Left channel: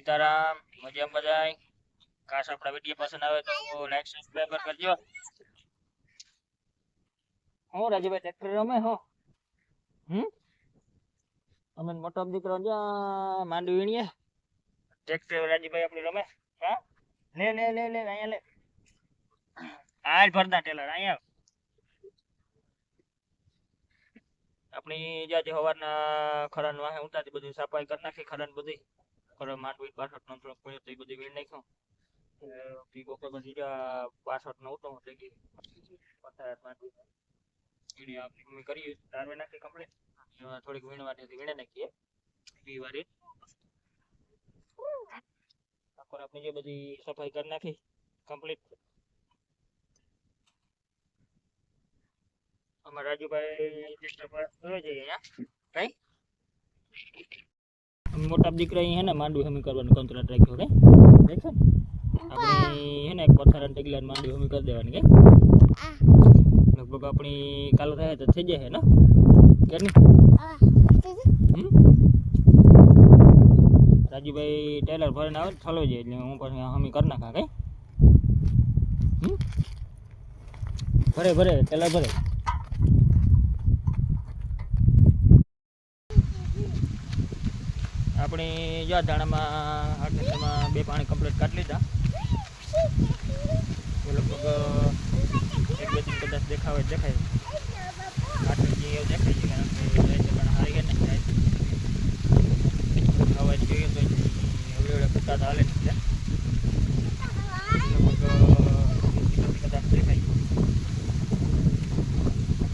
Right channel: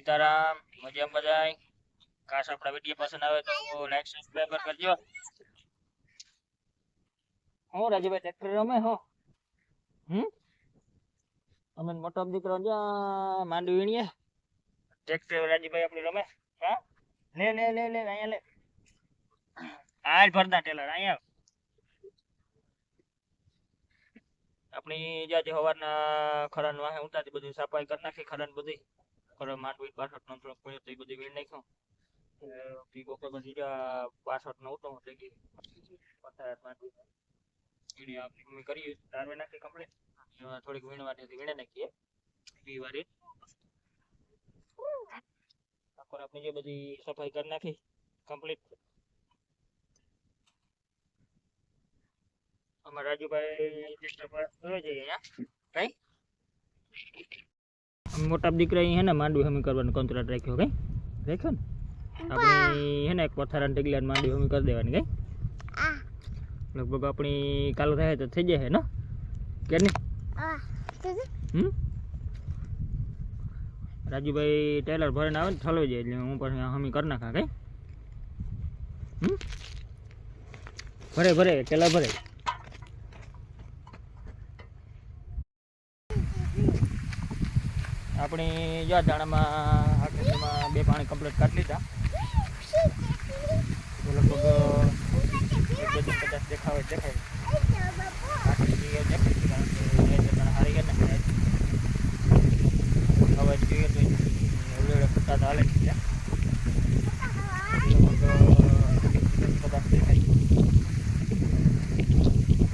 સીતારામ મજામાં બધાય કાશ આપણા વિડીયો પસંદ આવે તો લાઈક સબસ્ક્રાઇબ કરજો હું રાજુભાઈ ટ્રેક્ટર રમે હો અમે મોટો દીકરો જા માંડવી વીણીએ ટ્રેક્ટર રાજુભાઈ આપણી રમે હા લે લે લે લે અહીંયા લે હાલ ભરતા ટેલર અહીંયા આપણી જ્યાં સવારના ખરાન વાહે ઉતારતી બધી સફાઈ કરી નાખી ખરાન બધી ખરા માંડવી 62 નો થોડોક પડ્યો તો એ બધી વીણ નાખ્યો ઈ બપોર પછી જ્યાં 62 નો ઉતો થઈ ગઈ પથાર માંડવી વીણી આપણી મમ્મી કરી તારવે નાખી કમ્પ્લીટ થોડીક વીણવાની હતી વીણે નાખીએ ઈ વારી આખર આપણી જે બધી સફાઈ કરી નાખી કમ્પ્લીટ અમાર રાજુભાઈ ટ્રેક્ટર પર જોઈ જઈએ અહીંયા કઈ મોટા દીકરા હે ને માંડવી હમી કરવાનું કોન્ટ્રાક્ટ રાખ્યો કઈ દેખો ને આપણી હે ને એક પથારાને ટેગલાને માંડવી હમી કરી દેવાની કઈ લગભગ આપણી કાલ રહે તો થઈ જાય ને કે નહીં રાજુભાઈ ટેલર ભરીને આવે ને ઠલવી જાય એટલે હું પણ હમી કરી નાખા કઈ ભરે ભરે ટેલર ભરે આપણી જો દાણામાં આટલામાં બે પાણી કમ્પ્લીટ કાઢી લીધા લગભગ એક બે દિન કદાચ દેખાય આટલી દેખાય છે કારણ કે હારી ગયા ને હવે જોઈએ તો એવડે ખતા હાલે છે લગભગ કદાચ દેખાય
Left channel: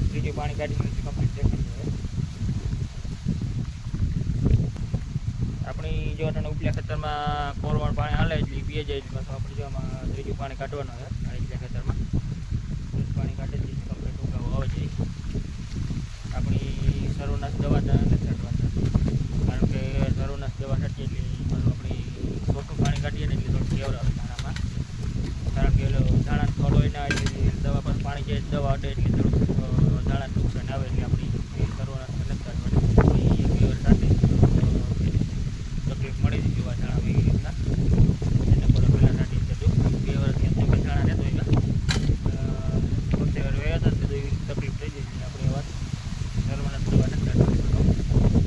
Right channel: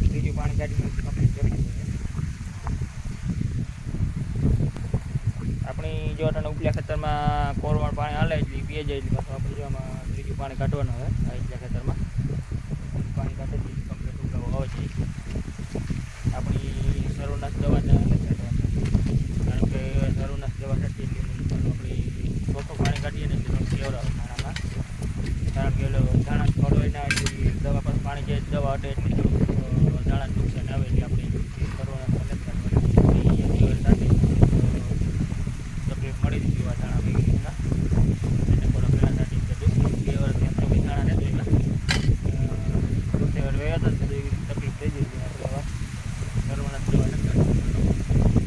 બીજું પાણી કાઢી કમ્પ્લીટ દેખાય આપણી જો આના ઉપલા ખેતરમાં કોરવણ પાણી હાલે એટલે પીએ જાય એટલે પાછું આપણે જો આમાં ત્રીજું પાણી કાઢવાનું હોય આ ઉપલા ખેતરમાં પાણી કાઢે એટલે કમ્પ્લીટ ઉગાવો આવે છે આપણી સર્વનાશ દવાના નથી કાઢવાના કારણ કે સર્વનાશ દવા છાંટીએ એટલે પાછું આપણી ચોખ્ખું પાણી કાઢીએ ને એટલે કેવડાવે ધાણામાં કારણ કે ધાણા થોડો એના એટલે દવા પર પાણી જે દવા હટે એટલે થોડુંક ધાણા નુકસાન આવે એટલે આપણી સર્વનાશ નથી કાઢવાના તકલીફ મળી હતી એવા ધાણા બી તકલીફ થઈ જઈ આપણે વાત સર્વનાશ દવા નથી